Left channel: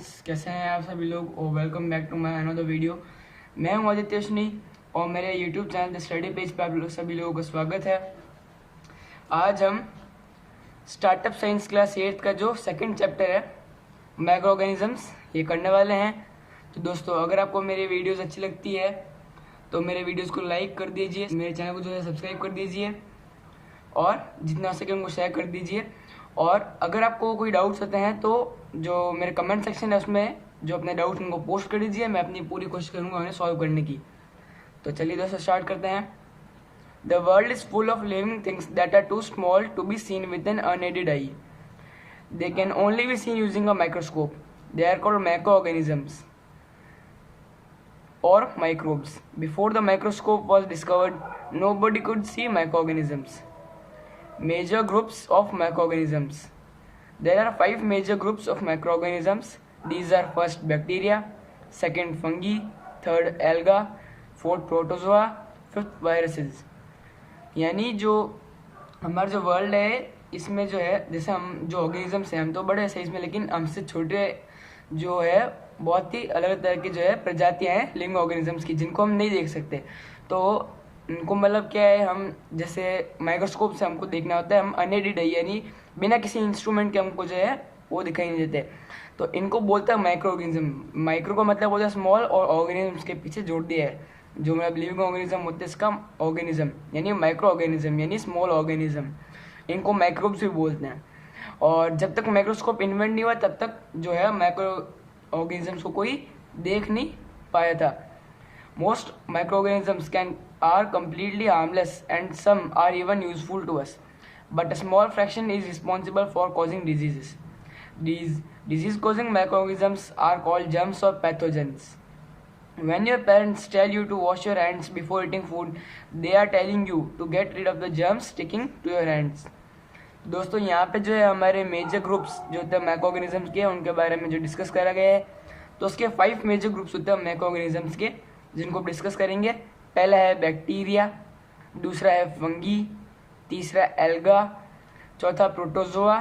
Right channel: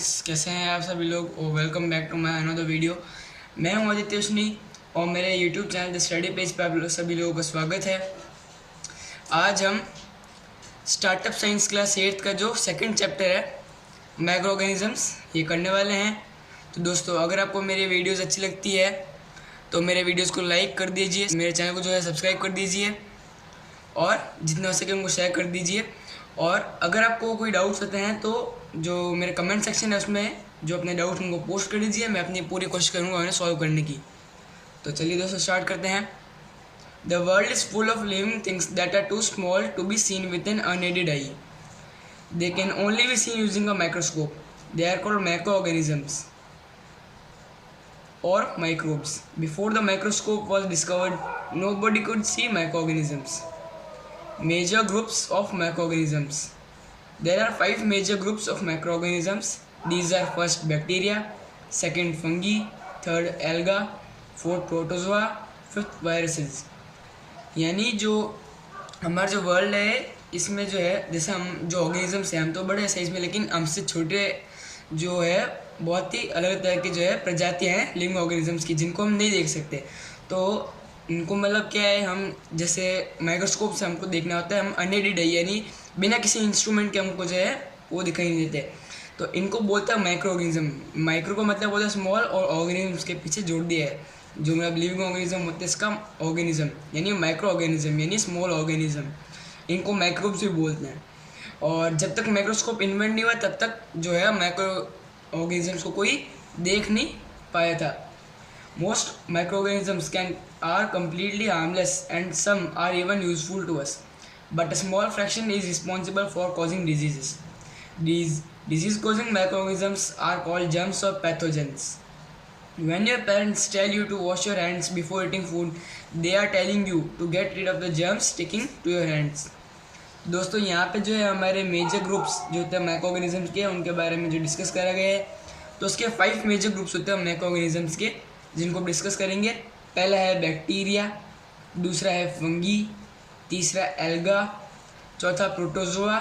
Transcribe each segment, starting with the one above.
Friends, कैसे हैं आप सभी लोग और welcome back to my another video. मैं हूं आदित्य उसनी और मेरे YouTube channel the study page पर आप सभी लोगों का स्वागत है। आज हम स्टार्टअप साइंस क्लास 8 का जो सेकंड चैप्टर है माइक्रो ऑर्गेनिजम्स ये करने वाले हैं। तो दोस्तों, अगर आपको मेरी वीडियोज़ अच्छी लगती है तो मेरे वीडियोज़ को लाइक कर दीजिए, मेरे चैनल को जो है सब्सक्राइब कर दीजिए और जितना हो सके उनको शेयर कर दीजिए। और अगर आपको कोई डाउट्स होते हैं तो जो मेरे कमेंट सेक्शन है उसमें जो अपने डाउट्स उनको पोस्ट कर दीजिए, मैं अपनी पूरी कोशिश करूँगा उन्हें सॉल्व करने की। तो चलिए दोस्तों स्टार्ट करते हैं। The world is full of living things that are too small to be seen with an unaided eye. They can only be seen using a microscope. They are called microorganisms or microbes. Before the microscope was discovered, nobody could see microorganisms. Major groups of microorganisms. There are 5 major groups of microorganisms. These are first bacteria, second fungi, third alga, fourth protozoa, fifth viruses. यानी जो हमारा जो world है इसमें जो है, जैसे हम जो ऑर्गेनिजम्स हैं हम तो बड़े साइज में, लेकिन हमसे छोटे जो है बहुत ही अलग तरह की जो है प्रजातियाँ हैं लिविंग ऑर्गेनिजम्स की, जिनको हम नहीं देख सकते। तो इनको मतलब क्या है, हम जैसे माइक्रोस्कोप से हमको देखना होता है, हम अनएडेड है यानी बिना किसी इंस्ट्रूमेंट के हमको जो है वो दिखाई नहीं देते। तो इनको बोलते हैं माइक्रो ऑर्गेनिज्म। माइक्रो का मतलब होता है स्मॉल और ऑर्गेनिज्म के पीछे जोड़ दिया है, जो मतलब लिविंग ऑर्गेनिज्म होते हैं इसका ऑर्गेनिज्म यानी माइक्रो ऑर्गेनिज्म यानी स्मॉल ऑर्गेनिज्म, इनको माइक्रोब्स भी बोलते हैं। और जब तक माइक्रोस्कोप इन्वेंट नहीं हुआ तब तक जो है माइक्रो ऑर्गेनिजम्स को कोई देख नहीं पाया था। Most microorganisms can are completely harmless and some are even useful to us, but a small fraction is responsible for causing diseases. These disease causing microorganisms are called germs or pathogens. When your parents tell you to wash your hands before eating food, they are telling you to get rid of the germs sticking to your hands. दोस्तों, यहाँ पे जो है हमारे major groups जो होते हैं micro organisms के, उनके बारे में जो डिस्कस करा गया है, तो उसके 5 मेजर ग्रुप्स होते हैं माइक्रो ऑर्गेनिजम्स के, जिनको डिस्कस करेंगे। पहला है बैक्टीरिया, दूसरा है फंगी, तीसरा एल्गा, चौथा प्रोटोजोआ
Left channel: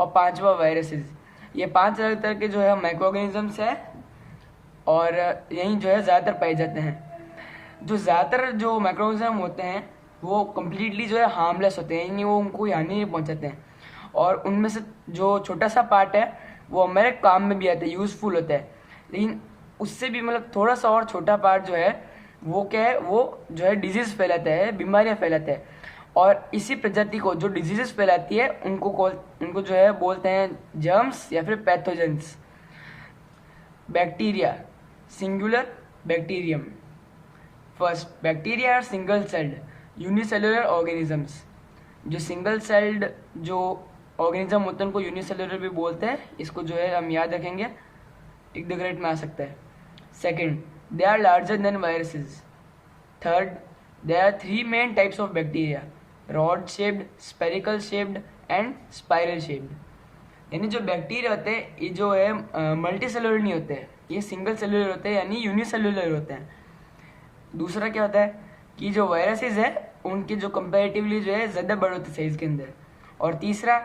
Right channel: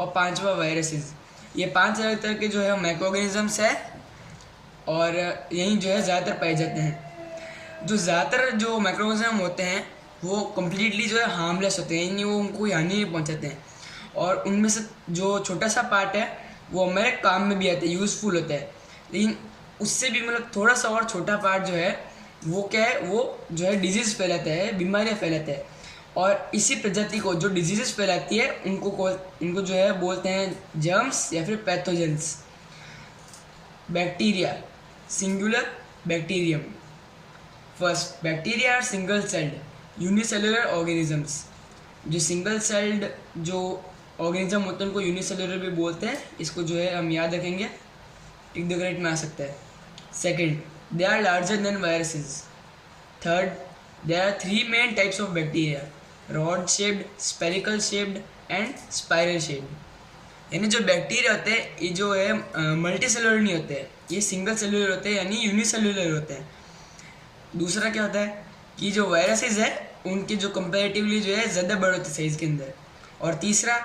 और पांचवा वायरसेस। ये 5 अलग तरह के जो है माइक्रो ऑर्गेनिजम्स है और यही जो है ज़्यादातर पाए जाते हैं। जो ज़्यादातर जो माइक्रो ऑर्गेनिज्म होते हैं वो कम्प्लीटली जो है हार्मलेस होते हैं, यानी वो उनको हानि नहीं पहुंचाते हैं। और उनमें से जो छोटा सा पार्ट है वो हमारे काम में भी आता है, यूज़फुल होता है। लेकिन उससे भी मतलब थोड़ा सा और छोटा पार्ट जो है वो क्या है, वो जो है डिजीज़ फैलाता है, बीमारियाँ फैलाता है। और इसी प्रजाति को जो डिजीज़ फैलाती है उनको जो है बोलते हैं जर्म्स या फिर pathogens. Bacteria, singular bacterium. First, bacteria are single celled unicellular organisms. जो सिंगल सेल्ड जो ऑर्गेनिज्म होते हैं उनको यूनिसेलुलर भी बोलते हैं। इसको जो है हम याद रखेंगे, टिक द ग्रेड में आ सकता है। Second, they are larger than viruses. Third, there are 3 main types of bacteria, rod shaped, spherical shaped and spiral shaped. यानी जो बैक्टीरिया होते हैं ये जो है मल्टी सेलुलर नहीं होते हैं, ये सिंगल सेलुलर होते हैं यानी यूनिसेलुलर होते हैं। दूसरा क्या होता है कि जो वायरसेस है उनकी जो कंपैरेटिवली जो है ज़्यादा बड़े होते हैं साइज़ के अंदर। और तीसरा,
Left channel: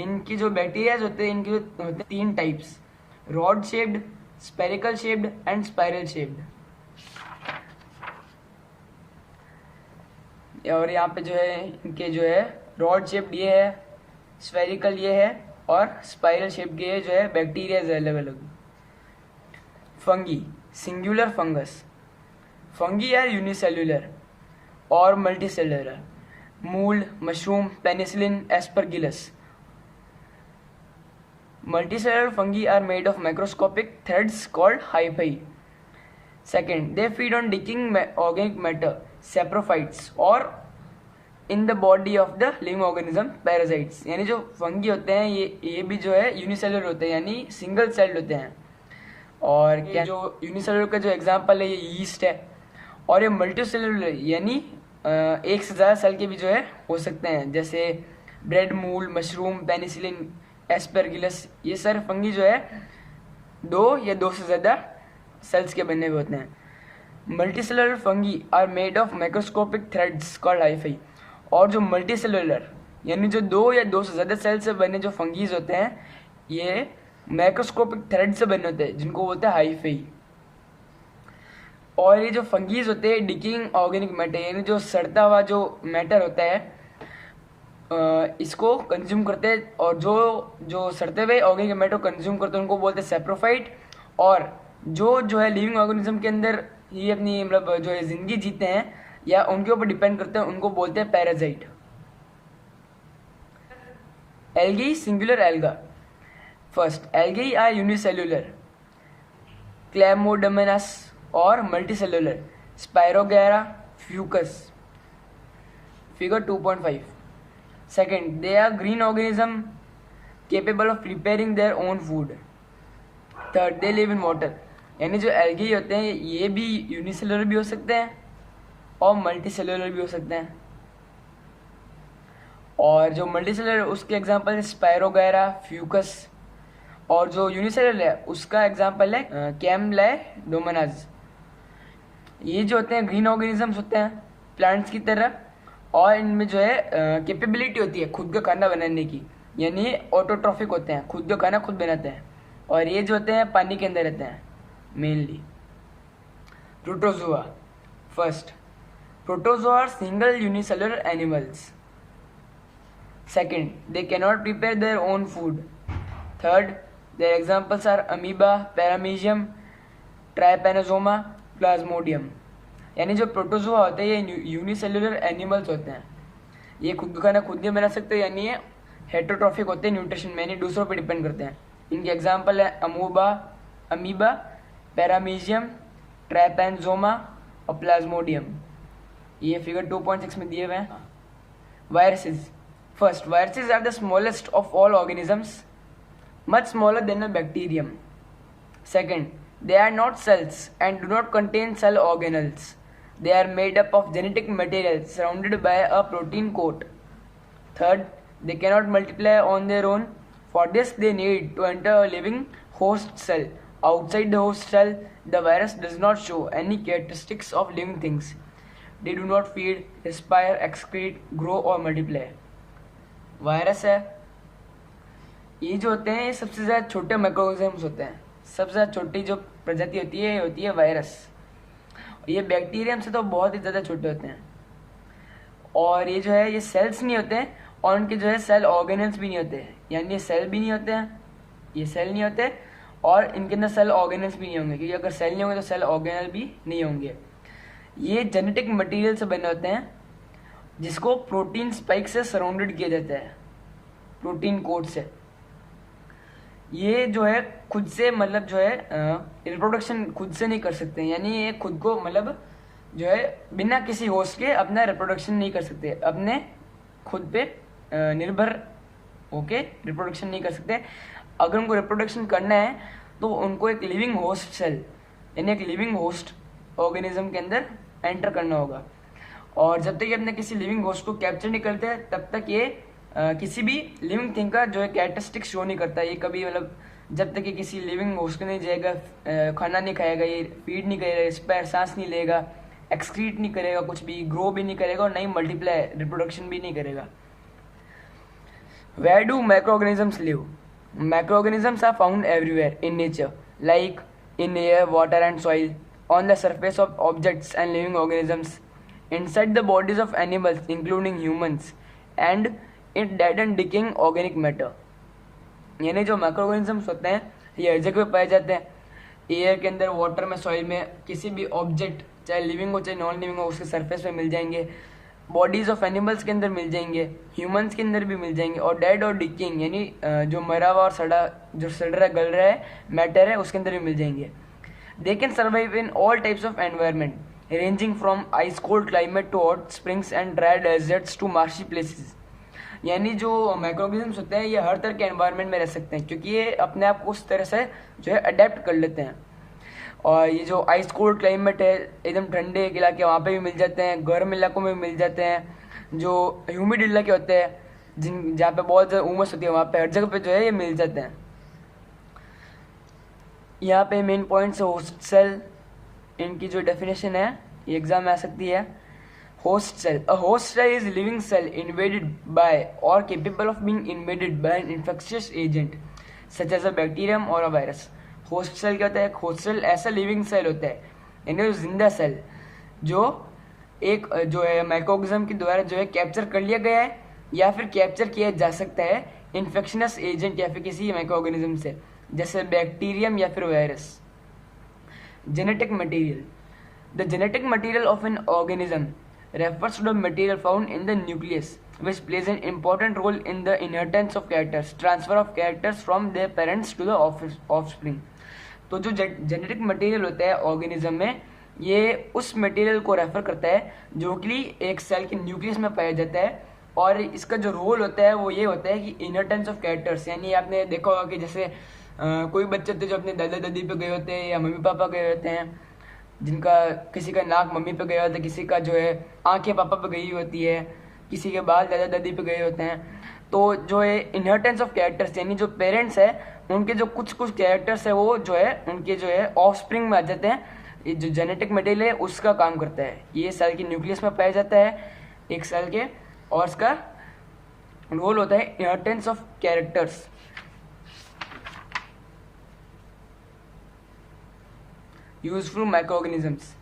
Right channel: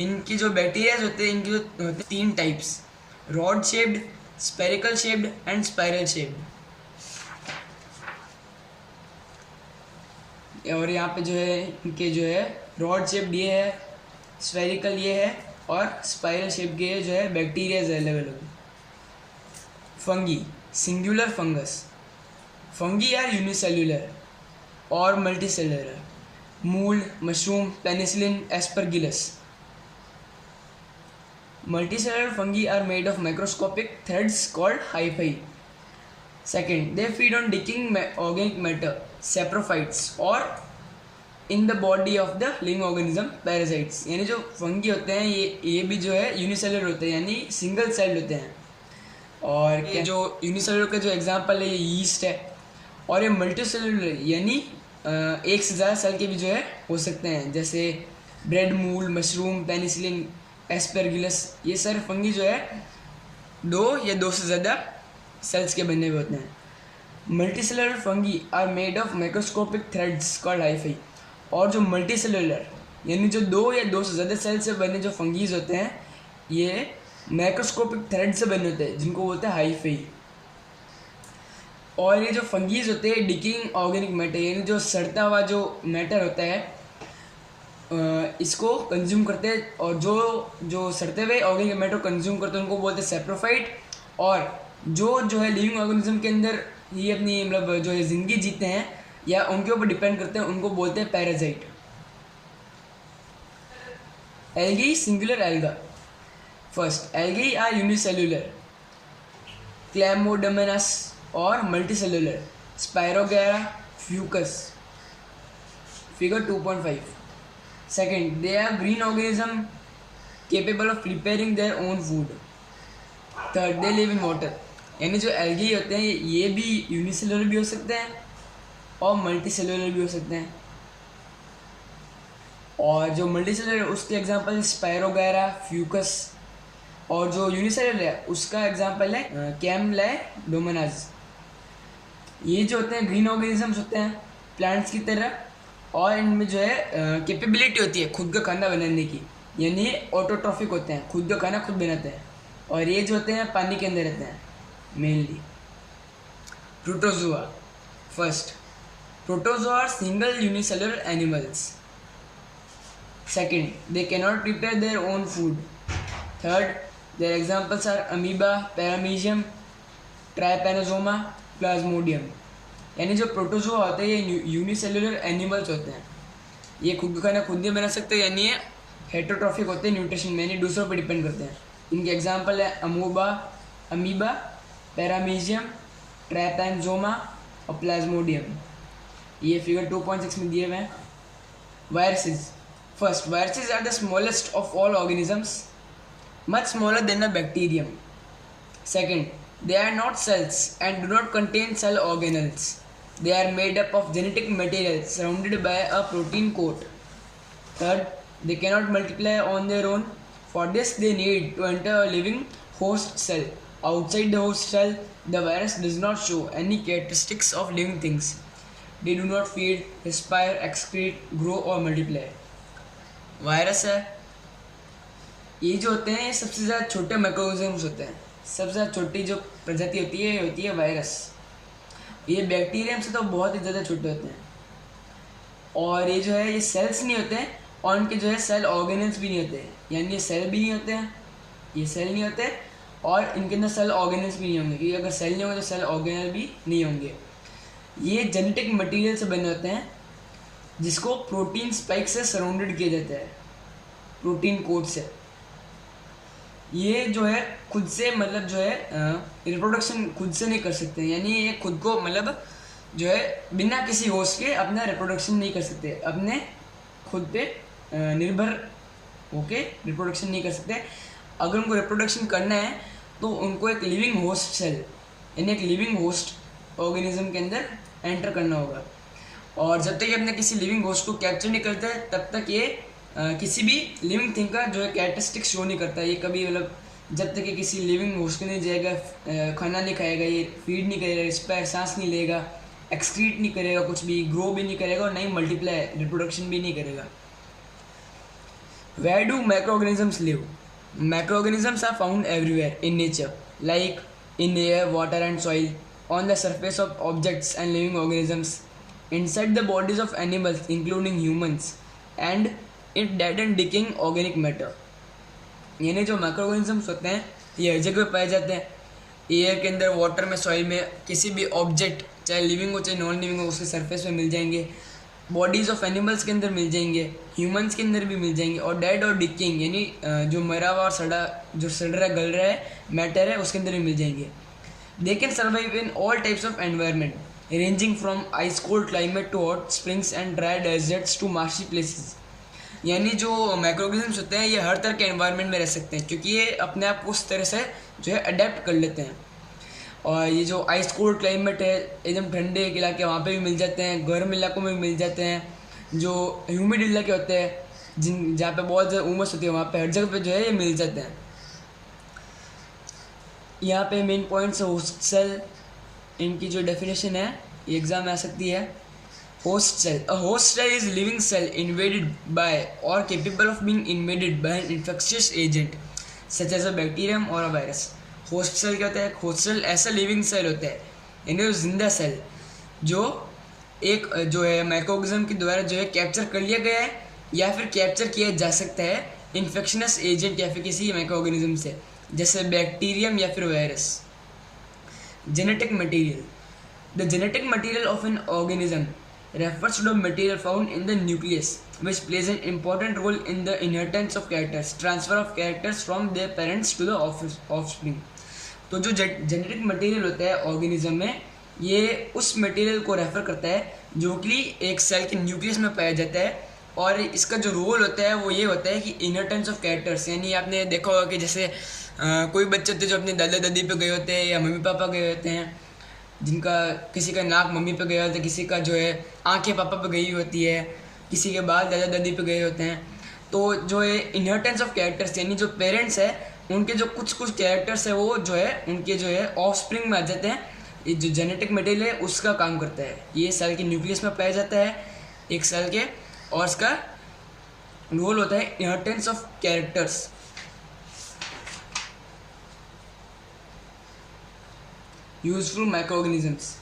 इनकी जो बैक्टीरियाज होते हैं इनकी जो होते हैं 3 types, rod shaped, spherical shaped and spiral shaped. और यहाँ पे जो है इनके जो है रॉड शेप्ड ये है, स्फेरिकल ये है और स्पाइरल शेप के जो है बैक्टीरियाज अलग अलग। Fungi, singular fungus. Fungi are unicellular और multicellular. Mould, mushroom, penicillin, aspergillus. Multicellular fungi are made of microscopic threads called hyphae. Second, they feed on decaying organic matter, saprophytes, or in the body of the living organism, parasites. यानी जो fungi होते हैं ये भी जो है unicellular होते हैं यानी सिंगल सेल्ड होते हैं। और क्या जो यूनिसेलुलर का जो एग्जांपल है ये यीस्ट है, और ये मल्टीसेलुलर यानी एक से ज़्यादा सेल के भी जो है हो सकते हैं, जैसे ब्रेड, मूल, मशरूम, पेनिसिलिन, एस्परगिलस। ये सारे फंगी जो है 2 या 2 से ज़्यादा सेल्स के बने हुए होते हैं। Multicellular fungi are made of microscopic threads called hyphae. और जो मल्टीसेलुलर यानी जो 2 या 2 से ज़्यादा सेल से बने जो फंगीज होते हैं ये मैक्रोस्कोपिक थ्रेड से बने होते हैं जिनको बोलते हैं हाइफी। और ये जो फंगीज होते हैं डिकिंग ऑर्गेनिक मैटर, यानी जो सड़ता हुआ जो मैटर होता है इसको कंज्यूम करते हैं, और जो सड़ते हुए ऑर्गेनिक मैटर कंज्यूम करते हैं उनको बोलते हैं सेप्रोफाइट। और जो है लिविंग ऑर्गेनिज्म के अंदर ये अपनी मतलब जो है ज़िंदगी जीते हैं या उनके ऊपर डिपेंड करते हैं उनको बोलते हैं parasite. Algae singular alga. First, algae are unicellular chlamydomonas और multicellular spirogyra fucus, figure 2.5। Second, they are green organism capable of preparing their own food. Third, they live in water. यानी जो एल्गी होते हैं ये भी यूनिसेलुलर भी हो सकते हैं और मल्टी सेलुलर भी हो सकते हैं। और जो मल्टी सेलुलर उसके एग्जांपल है स्पायरोगैरा फ्यूकस, और जो यूनिसेलुलर है उसका एग्जांपल है कैमलाइडोमोनास। ये जो होते हैं ग्रीन ऑर्गेनिजम्स होते हैं प्लांट्स की तरह, और इनमें जो है कैपेबिलिटी होती है खुद का खाना बनाने की, यानी ऑटोट्रॉफिक होते हैं, खुद का खाना खुद बनाते हैं। और ये जो होते हैं पानी के अंदर रहते हैं mainly. Protozoa. First, protozoa are single unicellular animals. Second, they can not prepare their own food. Third, their examples are amoeba, paramecium, trypanosoma, plasmodium. यानी जो प्रोटोजोआ होते हैं ये यूनिसेलुलर एनिमल्स होते हैं, ये खुद का खाना खुद नहीं बना सकते, यानी ये हेटरोट्रॉफिक होते हैं न्यूट्रिशन में, यानी दूसरों पर डिपेंड करते हैं। इनके एग्जांपल है अमीबा, पैरामीशियम, ट्राइपैनोसोमा और प्लाज्मोडियम। ये फिगर 2.6 में दिए हुए हैं। Viruses. First, viruses are the smallest of all organisms, much smaller than a bacterium. Second, they are not cells and do not contain cell organelles. They are made up of genetic material surrounded by a protein coat. Third, they cannot multiply on their own. For this, they need to enter a living host cell. Outside the host cell, the virus does not show any characteristics of living things. They do not feed, respire, excrete, grow or multiply. Virus है, ये जो होते हैं ये सबसे ज़्यादा छोटे microorganisms होते हैं। सबसे ज़्यादा छोटी जो प्रजाति होती है वायरस। ये बैक्टीरियम से तो बहुत ही ज़्यादा छोटे होते हैं, और ये जो है ये सेल्स नहीं होते हैं, और उनके जो है सेल ऑर्गेनल्स भी नहीं होते, यानी ये सेल भी नहीं होते हैं, ये सेल नहीं होते, और इनके अंदर सेल ऑर्गेनल्स भी नहीं होंगे, क्योंकि अगर सेल नहीं होंगे तो सेल ऑर्गेनल भी नहीं होंगे। ये जेनेटिक मटीरियल से बने होते हैं जिसको प्रोटीन स्पाइक से सराउंडेड किया जाता है, प्रोटीन कोट से। ये जो है खुद से मतलब जो है रिप्रोडक्शन खुद से नहीं कर सकते, यानी ये खुद को मतलब जो है बिना किसी होस्ट के अपना रिप्रोडक्शन नहीं कर सकते, अपने खुद पे निर्भर होके रिप्रोडक्शन नहीं कर सकते। अगर उनको रिप्रोडक्शन करना है तो उनको एक लिविंग होस्ट सेल यानी एक लिविंग होस्ट ऑर्गेनिज्म के अंदर एंटर करना होगा, और जब तक ये अपने किसी लिविंग होस्ट को कैप्चर नहीं करते तब तक ये किसी भी लिविंग थिंग का जो है कैरेक्टरिस्टिक शो नहीं करता। ये कभी मतलब जब तक ये किसी लिविंग होस्ट में नहीं जाएगा, खाना नहीं खाएगा, ये फीड नहीं करेगा, रिस्पायर सांस नहीं लेगा, एक्सक्रीट नहीं करेगा, कुछ भी ग्रो भी नहीं करेगा, और नहीं मल्टीप्लाई रिप्रोडक्शन भी नहीं करेगा। Where do microorganisms live? Microorganisms are found everywhere in nature, like in air, water and soil, on the surface of objects and living organisms, inside the bodies of animals including humans, and in dead and decaying organic matter. यानी जो microorganisms होते हैं ये हर जगह पाए जाते हैं, air के अंदर, वाटर में, सॉइल में, किसी भी ऑब्जेक्ट चाहे लिविंग हो चाहे नॉन लिविंग हो उसके सरफेस पे मिल जाएंगे, बॉडीज़ ऑफ एनिमल्स के अंदर मिल जाएंगे, ह्यूमंस के अंदर भी मिल जाएंगे, और डेड और डिकिंग यानी जो मरा हुआ और सड़ रहा गल रहा है मैटर है उसके अंदर भी मिल जाएंगे। They can survive in all types of environment ranging from ice cold climate to hot springs and dry deserts to marshy places. यानी जो माइक्रोऑर्गेनिजम्स होते हैं ये हर तरह के एनवायरनमेंट में रह सकते हैं, क्योंकि ये अपने आप को उस तरह से जो है अडेप्ट कर लेते हैं। और ये जो आइस कोल्ड क्लाइमेट है एकदम ठंडे इलाके वहाँ पे भी मिल जाते हैं, गर्म इलाकों में भी मिल जाते हैं, जो ह्यूमिड इलाके होते हैं जहाँ पे बहुत ज़्यादा उमस होती है वहाँ पे हर जगह पे जो है ये मिल जाते हैं। यहाँ पे मेन पॉइंट्स होस्ट सेल, इनकी जो डेफिनेशन है ये एग्जाम में आ सकती है। Host cell. A host cell is living cell invaded by or capable of being invaded by an infectious agent. Such as a bacterium और अ वायरस। होस्ट सेल क्या होता है? होस्ट सेल ऐसा लिविंग सेल होता है, यानी जिंदा cell जो एक जो है माइक्रोऑर्गेनिज्म के द्वारा जो है कैप्चर कर लिया गया है या फिर कैप्चर किया जा सकता है इन्फेक्शनस एजेंट या फिर किसी माइक्रोऑर्गेनिज्म से, जैसे बैक्टीरियम या फिर virus. Genetic material. The genetic material of an organism refers to the material found in the nucleus which plays an important role in the inheritance of characters, transfer of characters from their parents to the offspring। तो जो genetic material होता है organism में, ये उस material को refer करता है जो कि एक सेल के न्यूक्लियस में पाया जाता है, और इसका जो रोल होता है वो ये होता है कि इनहेरिटेंस ऑफ कैरेक्टर्स, यानी आपने देखा होगा कि जैसे कोई बच्चे होते जो अपने दादा दादी पे गए होते हैं या मम्मी पापा गए होते हैं, जिनका किसी का नाक मम्मी पे गया होता है, किसी का जो है आंखें पापा पे गई होती है, किसी के बाल दादा दादी पे गए होते हैं। तो जो है इनहेरिटेंस ऑफ कैरेक्टर्स, यानी जो पेरेंट्स है उनके जो कुछ कुछ कैरेक्टर्स है वो जो है उनके जो है ऑफ स्प्रिंग में आ जाते हैं। ये जो जेनेटिक मटेरियल है उसका काम करता है, ये सेल के न्यूक्लियस में पाया जाता है एक सेल के, और इसका रोल होता है inheritance of characters. Useful microorganisms.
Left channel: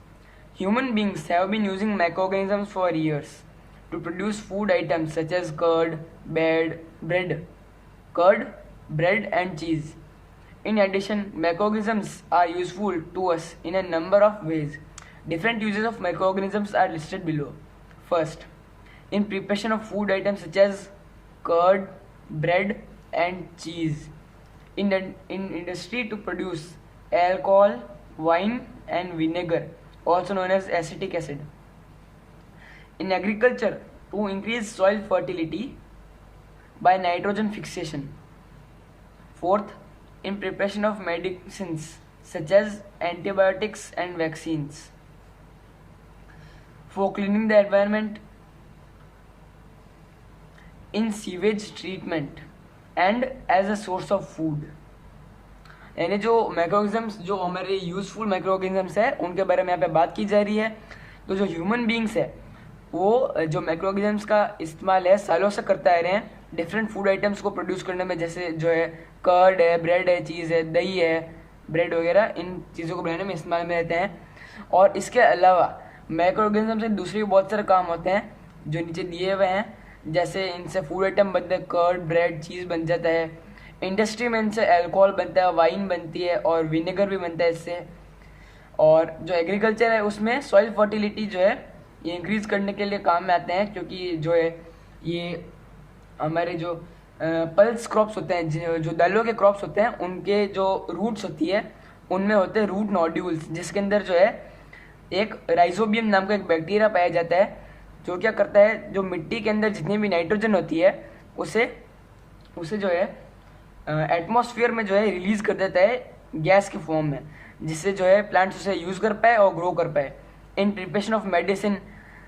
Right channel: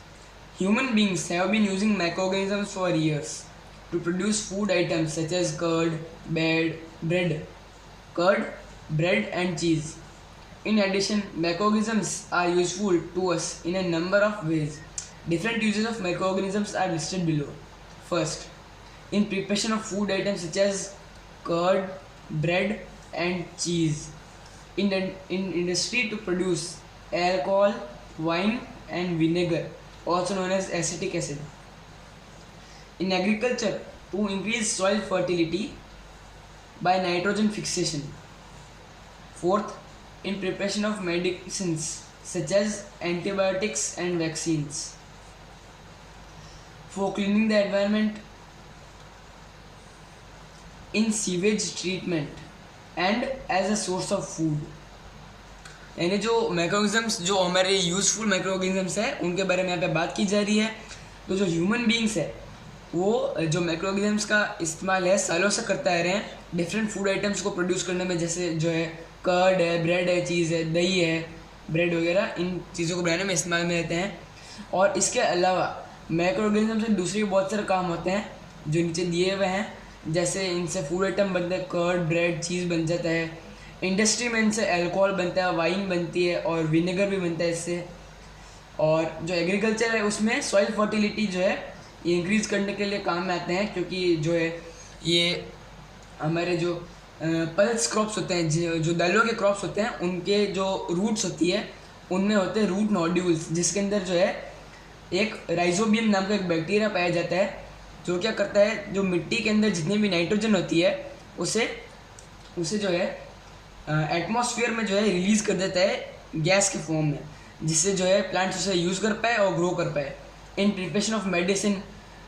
Human beings have been using microorganisms for years to produce food items such as curd, bread and cheese. In addition, microorganisms are useful to us in a number of ways. Different uses of microorganisms are listed below. First, in preparation of food items such as curd, bread and cheese. In industry to produce alcohol, wine and vinegar, also known as acetic acid. In agriculture, to increase soil fertility by nitrogen fixation. Fourth, in preparation of medicines such as antibiotics and vaccines. For cleaning the environment, in sewage treatment and as a source of food। यानी जो microorganisms जो हमारे useful microorganisms है उनके बारे में यहाँ पे बात की जा रही है। तो जो ह्यूमन बींग्स है वो जो माइक्रोऑर्गेनिजम्स का इस्तेमाल है सालों से करते आ रहे हैं डिफरेंट फूड आइटम्स को प्रोड्यूस करने में, जैसे जो है कर्ड है, ब्रेड है, चीज़ है, दही है, ब्रेड वगैरह, इन चीज़ों को बनाने में इस्तेमाल में रहते हैं। और इसके अलावा माइक्रोऑर्गेनिज्म से दूसरे बहुत सारे काम होते हैं जो नीचे दिए हुए हैं, जैसे इनसे फूड आइटम बनते हैं, कर्ड, ब्रेड, चीज़ बन जाता है। इंडस्ट्री में इनसे अल्कोहल बनता है, वाइन बनती है और विनेगर भी बनता है इससे। और जो एग्रीकल्चर है उसमें सॉइल फर्टिलिटी जो है ये इंक्रीज़ करने के लिए काम में आते हैं, क्योंकि जो है ये हमारे जो पल्स क्रॉप्स होते हैं, जो दालों के क्रॉप्स होते हैं, उनके जो रूट्स होती है उनमें होते हैं रूट नोड्यूल्स, जिसके अंदर जो है एक राइजोबियम नाम का एक बैक्टीरिया पाया जाता है, जो क्या करता है जो मिट्टी के अंदर जितनी भी नाइट्रोजन होती है उसे जो है एटमॉस्फेयर में जो है रिलीज़ कर देता है गैस के फॉर्म में, जिससे जो है प्लांट्स उसे यूज़ कर पाए और ग्रो कर पाए। In preparation of medicine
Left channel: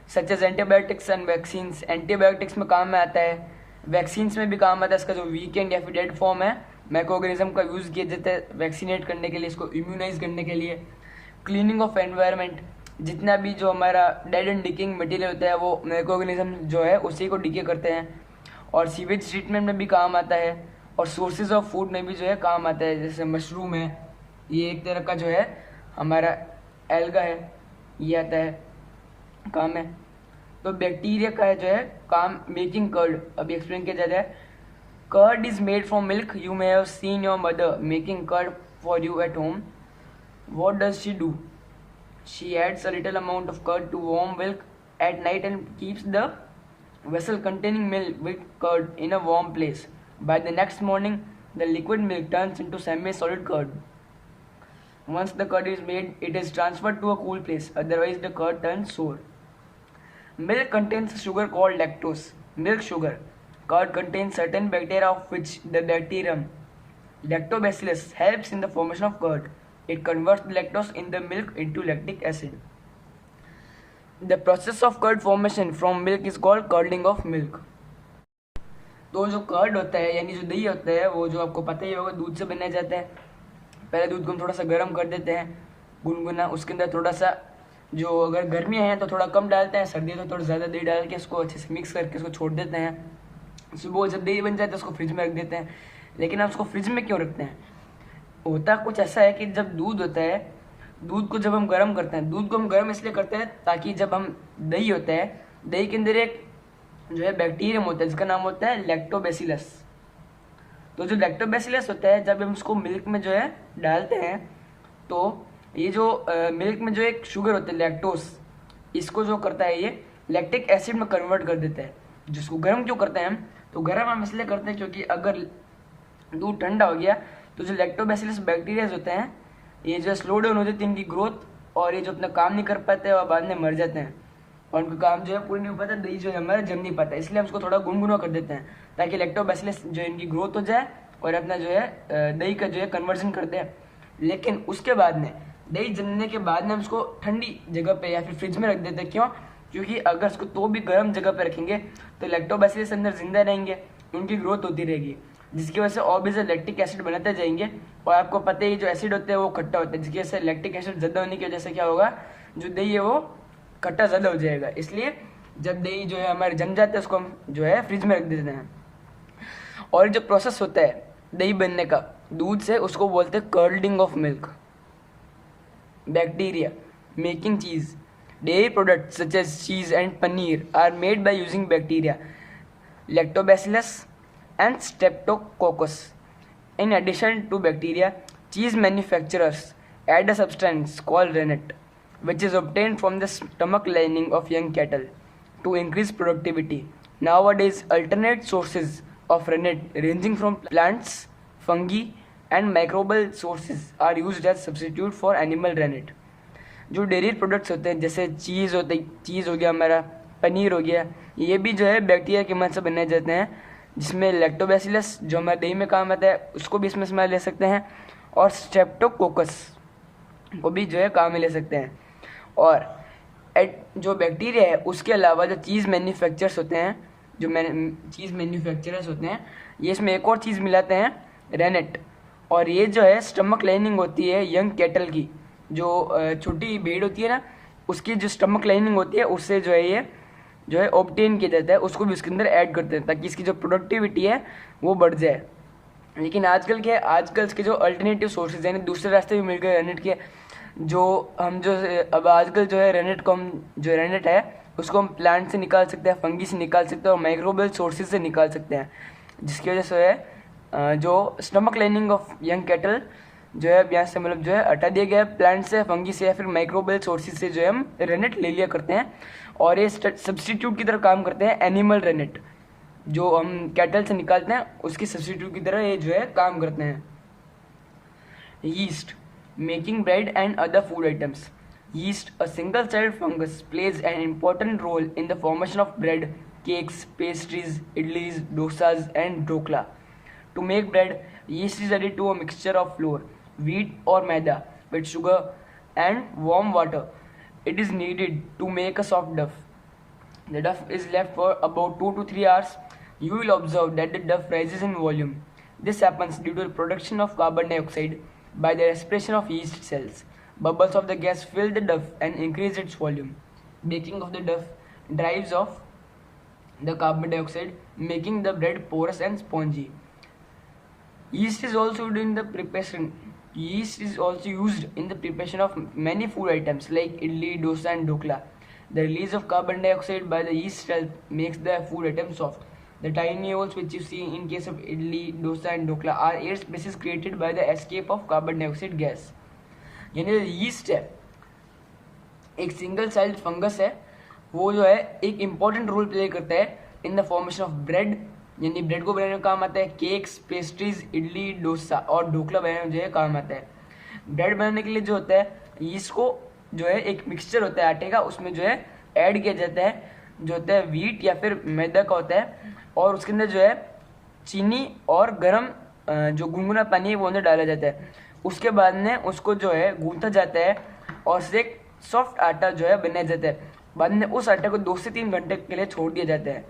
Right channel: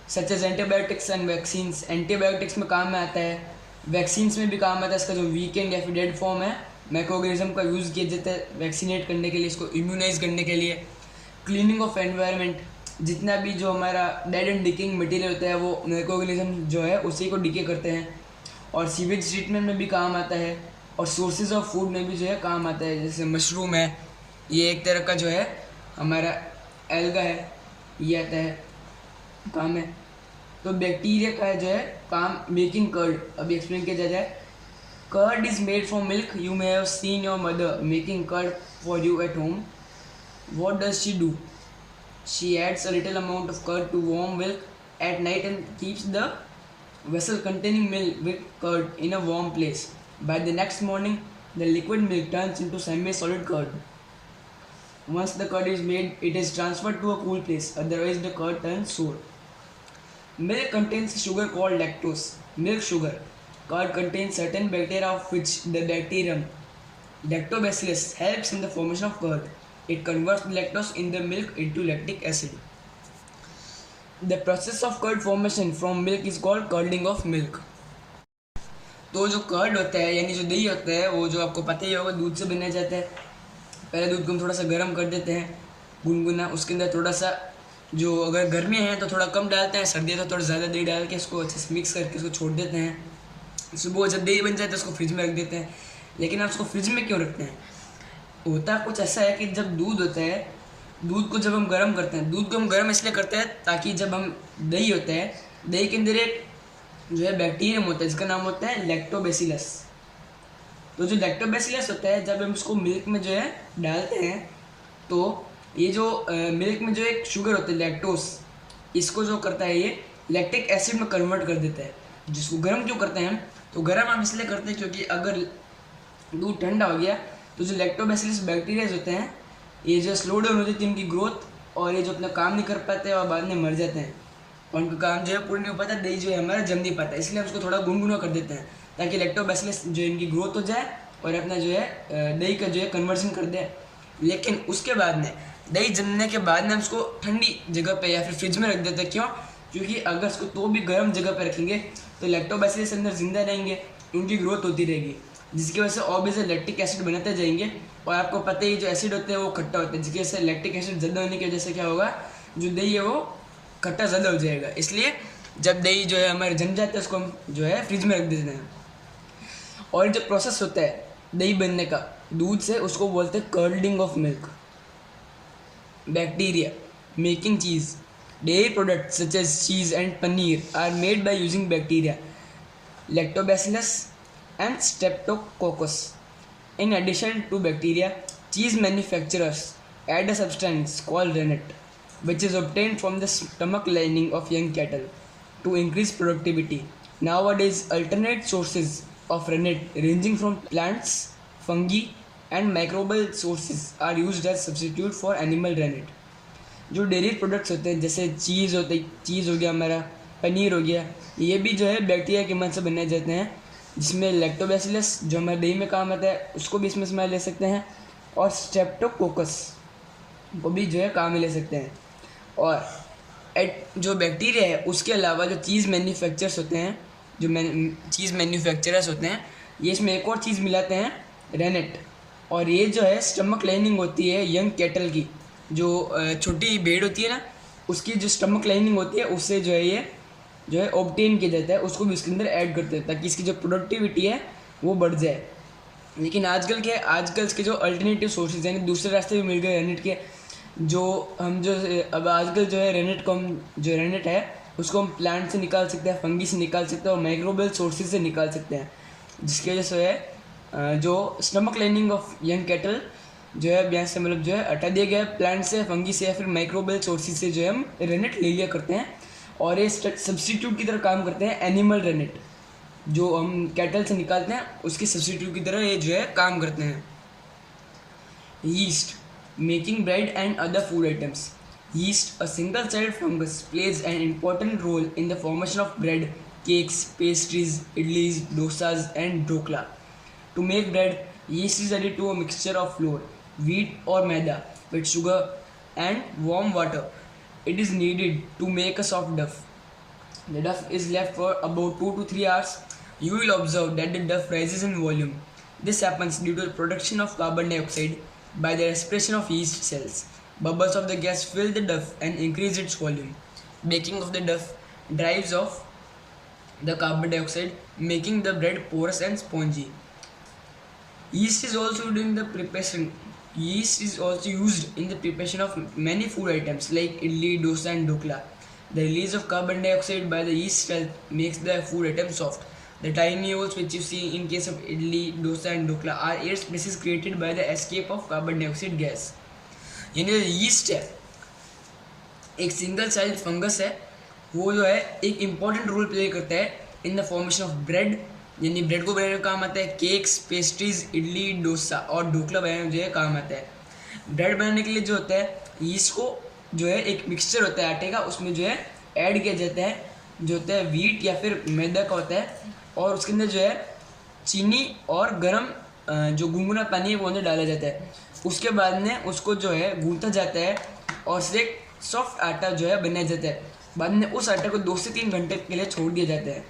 such as antibiotics and vaccines, antibiotics में काम में आता है, वैक्सीन्स में भी काम आता है। इसका जो वीकेंड या फिर डेड फॉर्म है माइक्रोऑर्गेनिज्म का यूज़ किया जाता है वैक्सीनेट करने के लिए, इसको इम्यूनाइज करने के लिए। क्लीनिंग ऑफ एनवायरनमेंट, जितना भी जो हमारा डेड एंड डिकिंग मटेरियल होता है वो माइक्रोऑर्गेनिज्म जो है उसी को डिके करते हैं। और सीवेज ट्रीटमेंट में भी काम आता है, और सोर्सेज ऑफ फूड में भी जो है काम आता है, जैसे मशरूम है, ये एक तरह का जो है हमारा एल्गा है, ये आता है काम है। तो बैक्टीरिया का है जो है काम मेकिंग कर्ड, अभी एक्सप्लेन किया जाता है। Curd is made from milk, you may have seen your mother making curd for you at home. What does she do? She adds a little amount of curd to warm milk at night and keeps the vessel containing milk with curd in a warm place. By the next morning, the liquid milk turns into semi-solid curd. Once the curd is made, it is transferred to a cool place, otherwise the curd turns sour. Milk contains sugar called lactose, milk sugar. Curd contains certain bacteria of which the bacterium Lactobacillus helps in the formation of curd. It converts the lactose in the milk into lactic acid. The process of curd formation from milk is called curding of milk. तो जो curd होता है यानी जो दही होता है वो जो आपको पता ही होगा दूध से बनाया जाता है। पहले दूध को हम थोड़ा सा गर्म कर देते हैं गुनगुना, उसके अंदर थोड़ा सा जो अगर गर्मियाँ हैं तो थोड़ा कम डालते हैं, सर्दी है तो थोड़ा ज़्यादा दही डाल के इसको अच्छे से मिक्स करके इसको छोड़ देते हैं। सुबह जब दही बन जाता है उसको फ्रिज में रख देते हैं। लेकिन आप उसको फ्रिज में क्यों रखते हैं? होता कुछ ऐसा है कि जब दूध होता है, दूध को जब हम गर्म करते हैं, दूध को हम गर्म इसलिए करते हैं ताकि जब हम दही होता है, दही के अंदर एक जो है बैक्टीरियम होता है जिसका नाम होता है लैक्टोबैसिलस। तो जो लैक्टोबैसिलस होता है, जब हम उसको मिल्क में जो है डालते हैं, तो ये जो मिल्क में जो एक शुगर होता है लैक्टोस, इसको जो करता है ये लैक्टिक एसिड में कन्वर्ट कर देता है। जिसको गर्म क्यों करते हैं हम? तो गर्म हम इसलिए करते हैं क्योंकि अगर दूध ठंडा हो गया तो जो लैक्टोबैसिलस बैक्टीरियाज होते हैं, ये जो स्लो डाउन हो जाती है इनकी ग्रोथ, और ये जो अपना काम नहीं कर पाते और बाद में मर जाते हैं, और उनका काम जो है पूरा नहीं हो पाता, दही जो है हमारा जम नहीं पाता। इसलिए हम उसको थोड़ा गुनगुना कर देते हैं ताकि लैक्टोबैसिलस जो इनकी ग्रोथ हो जाए और अपना जो है दही का जो है कन्वर्जन कर दे। लेकिन उसके बाद में दही जमने के बाद में हम उसको ठंडी जगह पे या फिर फ्रिज में रख देते हैं। क्यों? क्योंकि अगर उसको तो भी गर्म जगह पे रखेंगे तो लैक्टोबैसिलस अंदर जिंदा रहेंगे, उनकी ग्रोथ होती रहेगी, जिसकी वजह से और भी ज़्यादा लैक्टिक एसिड बनाते जाएंगे। और आपको पता ही जो एसिड होते हैं वो खट्टा होता है, जिसकी वजह से लैक्टिक एसिड ज़्यादा होने की वजह से क्या होगा, जो दही है वो खट्टा ज़्यादा हो जाएगा। इसलिए जब दही जो है हमारे जम जाते हैं उसको हम जो है फ्रिज में रख देते हैं। और जो प्रोसेस होता है दही बनने का दूध से, उसको बोलते हैं curding of milk. Bacteria making cheese, dairy products such as cheese and paneer are made by using bacteria lactobacillus and streptococcus. In addition to bacteria, cheese manufacturers add a substance called rennet, which is obtained from the stomach lining of young cattle to increase productivity. Nowadays, alternate sources of rennet ranging from plants, fungi, and microbial sources are used as substitute for animal rennet. जो dairy products होते हैं जैसे चीज़ हो गया हमारा, पनीर हो गया, ये भी जो है बैक्टीरिया की मदद से बनाए जाते हैं, जिसमें लैक्टोबैसिलस जो हमारे दही में काम आता है उसको भी इसमें इस्तेमाल ले सकते हैं, और स्ट्रेप्टोकोकस को भी जो है काम में ले सकते हैं। और जो बैक्टीरिया है उसके अलावा जो चीज़ मैन्युफैक्चरर्स होते हैं, चीज़ मैन्युफैक्चरर्स होते हैं, ये इसमें एक और चीज़ मिलाते हैं, रेनेट। और ये जो है स्टमक लाइनिंग होती है यंग कैटल की, जो छोटी भेड़ होती है ना, उसकी जो स्टमक लाइनिंग होती है उससे जो है ये जो है ऑब्टेन किया जाता है, उसको भी इसके अंदर ऐड करते हैं ताकि इसकी जो प्रोडक्टिविटी है वो बढ़ जाए। लेकिन आजकल क्या है, आजकल इसके जो अल्टरनेटिव सोर्सेज हैं, दूसरे रास्ते भी मिल गए रेनेट के, जो हम जो अब आजकल जो है रेनेट को हम जो रेनेट है उसको हम प्लांट से निकाल सकते हैं, फंगी से निकाल सकते हैं और माइक्रोबियल सोर्सेज से निकाल सकते हैं, जिसकी वजह से है जो stomach lining of young cattle जो है यहाँ से मतलब जो है हटा दिया गया प्लांट से, फंगी से या फिर माइक्रोबियल सोर्सेज से जो है हम रेनेट ले लिया करते हैं, और ये सब्स्टिट्यूट की तरह काम करते हैं। एनिमल रेनेट जो हम कैटल से निकालते हैं उसकी सब्स्टिट्यूट की तरह ये जो है काम करते हैं। Yeast making bread and other food items. Yeast a single celled fungus plays an important role in the formation of bread, cakes, pastries, idlis, dosas and dhokla. To make bread, yeast is added to a mixture of flour, wheat or maida with sugar and warm water. It is needed to make a soft dough. The dough is left for about 2 to 3 hours. You will observe that the dough rises in volume. This happens due to the production of carbon dioxide by the respiration of yeast cells. Bubbles of the gas fill the dough and increase its volume. Baking of the dough drives off the carbon dioxide, making the bread porous and spongy. Yeast is also used in the preparation of many food items like idli, dosa and dhokla. The release of carbon dioxide by the yeast cell makes the food item soft. The tiny holes which you see in case of idli, dosa and dhokla are air spaces created by the escape of carbon dioxide gas. यानी yeast है, एक single celled fungus है, वो जो है एक important role play करता है इन द फॉर्मेशन ऑफ ब्रेड, यानी ब्रेड को बनाने का काम आता है, केक्स, पेस्ट्रीज, इडली, डोसा और ढोकला बनाने में जो है काम आता है। ब्रेड बनाने के लिए जो होता है यीस्ट को जो है एक मिक्सचर होता है आटे का, उसमें जो है ऐड किया जाता है, जो होता है वीट या फिर मैदा का होता है, और उसके अंदर जो है चीनी और गर्म जो गुनगुना पानी है वो अंदर डाला जाता है। उसके बाद में उसको जो है गूंथा जाता है और उससे एक सॉफ्ट आटा जो है बनाया जाता है। बाद में उस आटे को 2 से 3 घंटे के लिए छोड़ दिया जाता है।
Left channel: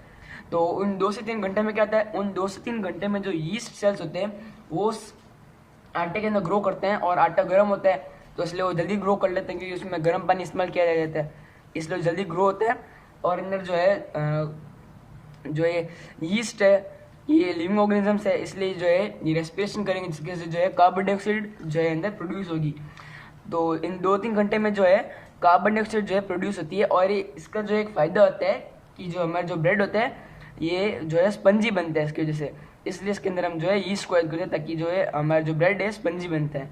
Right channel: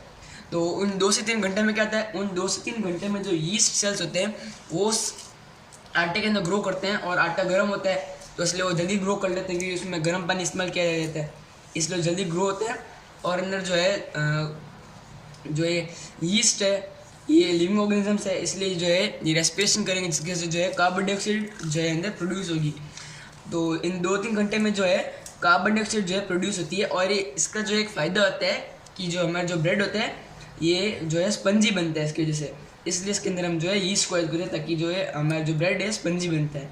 तो उन 2 से 3 घंटे में क्या होता है, उन 2 से 3 घंटे में जो यीस्ट सेल्स होते हैं वो उस आटे के अंदर ग्रो करते हैं, और आटा गर्म होता है तो इसलिए वो जल्दी ग्रो कर लेते हैं क्योंकि उसमें गर्म पानी इस्तेमाल किया जाता है, इसलिए जल्दी ग्रो होता है। और अंदर जो है जो ये यीस्ट है ये लिविंग ऑर्गेनिजम्स है, इसलिए जो है ये रेस्पिरेशन करेंगे, जिसके से जो है कार्बन डाइऑक्साइड जो है अंदर प्रोड्यूस होगी। तो इन 2-3 घंटे में जो है कार्बन डाइऑक्साइड जो है प्रोड्यूस होती है। और ये इसका जो एक फ़ायदा होता है कि जो हमारा जो ब्रेड होता है ये जो है स्पंजी बनता है इसकी वजह से, इसलिए इसके अंदर हम जो है यीस्ट को ऐड करते हैं ताकि जो है हमारा जो ब्रेड है स्पंजी बनता है।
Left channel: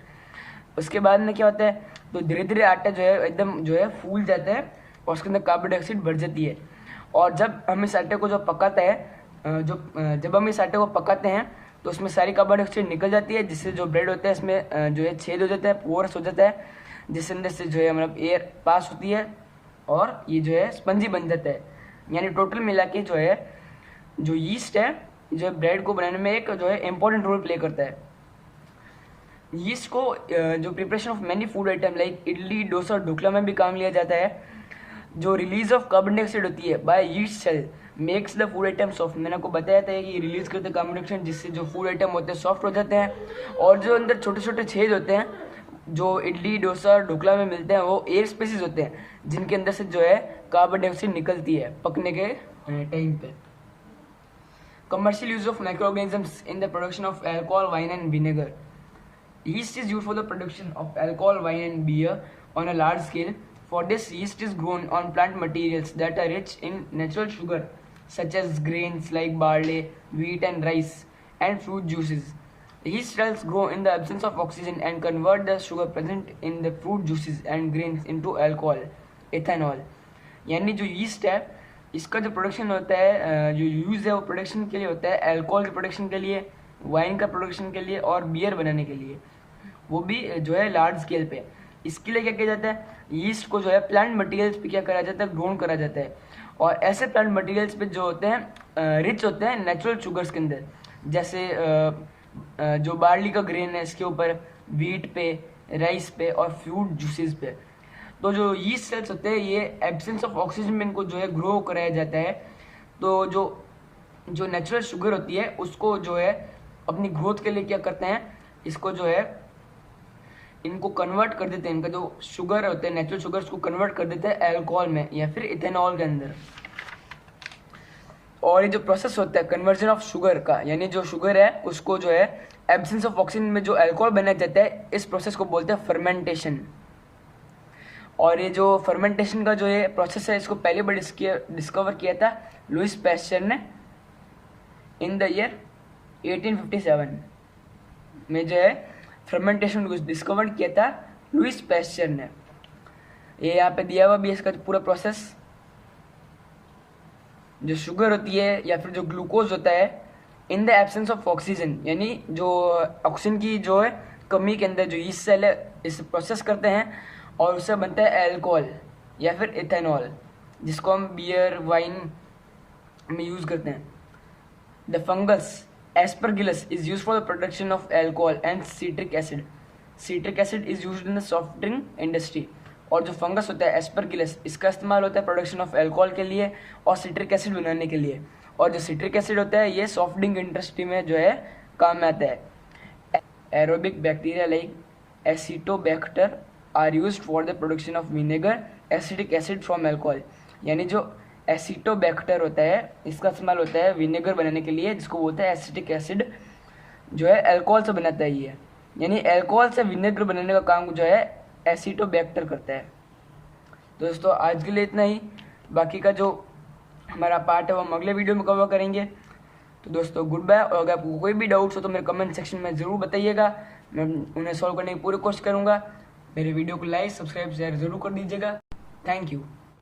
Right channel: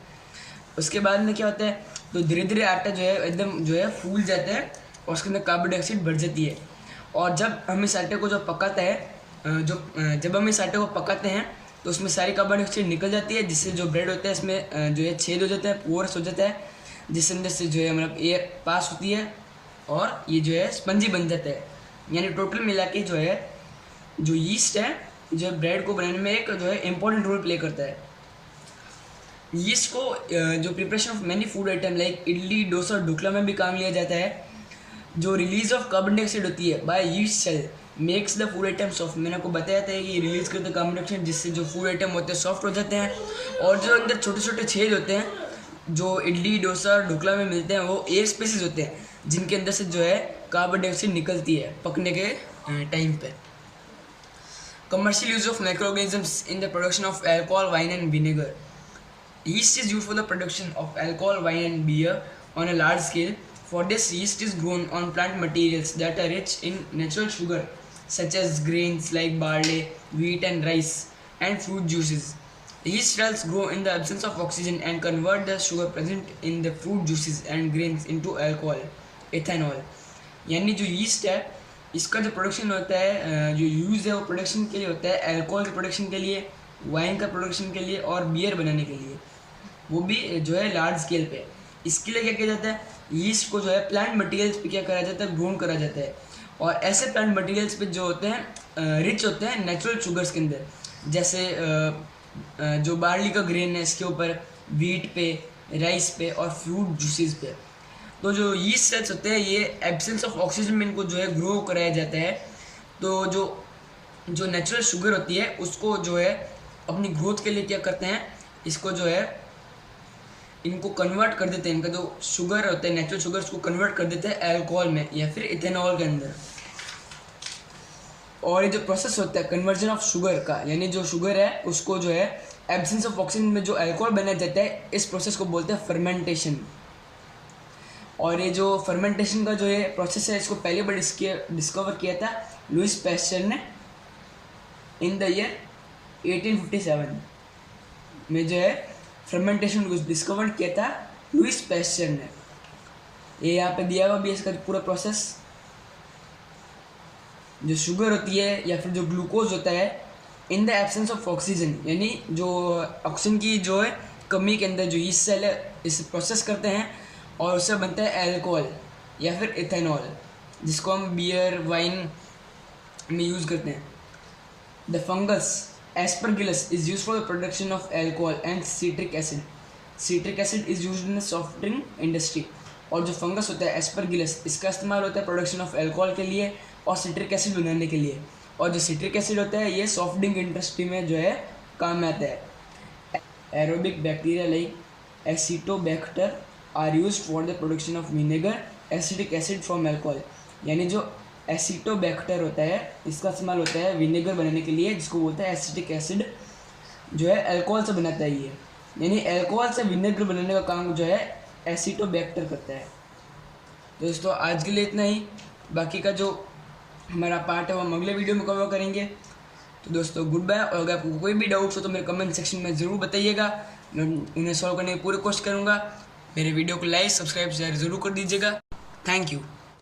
उसके बाद में क्या होता है, तो धीरे धीरे आटा जो है एकदम जो है फूल जाता है और उसके अंदर कार्बन डाइऑक्साइड बढ़ जाती है। और जब हम इस आटे को जो पकाते हैं जब हम इस आटे को पकाते हैं तो उसमें सारी कार्बन डाइऑक्साइड निकल जाती है, जिससे जो ब्रेड होता है इसमें जो है छेद हो जाता है, पोरस हो जाता है, जिसके अंदर से जो है मतलब एयर पास होती है और ये जो है स्पंजी बन जाता है। यानी टोटल मिला के जो है जो यीस्ट है जो ब्रेड को बनाने में एक जो है इम्पोर्टेंट रोल प्ले करता है। यीस्ट को जो preparation of many food item like idli, dosa और ढोकला में भी काम लिया जाता है। जो रिलीज ऑफ कार्बन डाइऑक्साइड होती है by yeast cell makes the food item soft. मैंने आपको बताया था कि रिलीज करते हैं कार्बन डाइऑक्साइड, जिससे जो फूड आइटम होते हैं सॉफ्ट हो जाते हैं। और जो अंदर छोटे छोटे छेद होते हैं जो इडली, डोसा, ढोकला में मिलते हैं वो एयर स्पेसिस होते हैं, जिनके अंदर से जो है कार्बन डाइऑक्साइड निकलती है पकने के टाइम पे। Commercial use of microorganisms in the production of alcohol, wine and vinegar. Yeast is used for the production of alcohol, wine and beer on a large scale. For this, yeast is grown on plant materials that are rich in natural sugar, such as grains like barley, wheat and rice, and fruit juices. Yeast cells grow in the absence of oxygen and convert the sugar present in the fruit juices and grains into alcohol, ethanol. यानी जो yeast है इसका जो production होता है जो use है वो प्रोडक्शन के लिए होता है, अल्कोहल के प्रोडक्शन के लिए, वाइन का प्रोडक्शन के लिए और बियर बनाने के लिए, वो भी जो है लार्ज स्केल पे। इसके लिए क्या किया जाता है, यीस्ट को जो है प्लांट मटेरियल्स पे क्या करा जाता है, ग्रोन करा जाता है। और ऐसे प्लांट मटेरियल्स पे जो होते हैं रिच होते हैं नेचुरल शुगर्स के अंदर, जैसे जो बार्ली का ग्रेन है इसके ऊपर, वीट पे, राइस पे और फ्रूट जूसेस पे। तो जो यीस्ट सेल्स होते हैं ये एब्सेंस ऑफ ऑक्सीजन में इनको जो है ग्रो कराया जाता है। तो जो नेचुरल शुगर होती है उसको जो है अपनी ग्रोथ के लिए क्या करते हैं, इसको जो है इनको कन्वर्ट कर देते हैं, इनका जो शुगर होता है नेचुरल शुगर उसको कन्वर्ट कर देते हैं अल्कोहल में या फिर इथेनॉल के अंदर। और ये जो प्रोसेस होता है कन्वर्जन ऑफ शुगर का, यानी जो शुगर है उसको जो है एब्सेंस ऑफ ऑक्सीजन में जो अल्कोहल बनाया जाता है, इस प्रोसेस को बोलते हैं फर्मेंटेशन। और ये जो फर्मेंटेशन का जो ये प्रोसेस है इसको पहली बार डिस्कवर किया था लुइस पैस्चर ने इन द ईयर 1857 में। जो है फर्मेंटेशन को डिस्कवर किया था लुइस पैस्चर ने। ये यहाँ पे दिया हुआ भी इसका पूरा प्रोसेस। जो शुगर होती है या फिर जो ग्लूकोज होता है in the absence of oxygen, यानी जो ऑक्सीजन की जो है कमी के अंदर जो यीस्ट सेल है इसे प्रोसेस करते हैं और उससे बनता है अल्कोहल या फिर इथेनॉल, जिसको हम बियर, वाइन में यूज़ करते हैं। The fungus Aspergillus is use for the production of alcohol and citric acid. Citric acid is used in the soft drink industry. और जो फंगस होता है एस्परगिलस, इसका इस्तेमाल होता है प्रोडक्शन ऑफ अल्कोहल के लिए और सिट्रिक एसिड बनाने के लिए। और जो सिट्रिक एसिड होता है ये सॉफ्ट ड्रिंक इंडस्ट्री में जो है काम में आता है। Aerobic bacteria like acetobacter are used for the production of vinegar, acetic acid from alcohol. यानी जो एसिटोबैक्टर होता है इसका इस्तेमाल होता है विनेगर बनाने के लिए, जिसको बोलते हैं एसिटिक एसिड, जो है अल्कोहल से बनाता है ये। यानी अल्कोहल से विनेगर बनाने का काम जो है एसिटोबैक्टर करता है। दोस्तों आज के लिए इतना ही, बाकी का जो हमारा पार्ट है वो हम अगले वीडियो में कवर करेंगे। तो दोस्तों गुड बाय। और अगर आपको कोई भी डाउट्स हो तो मेरे कमेंट सेक्शन में ज़रूर बताइएगा, मैं उन्हें सॉल्व करने की पूरी कोशिश करूँगा। मेरे वीडियो को लाइक, सब्सक्राइब, शेयर ज़रूर कर दीजिएगा। Thank you.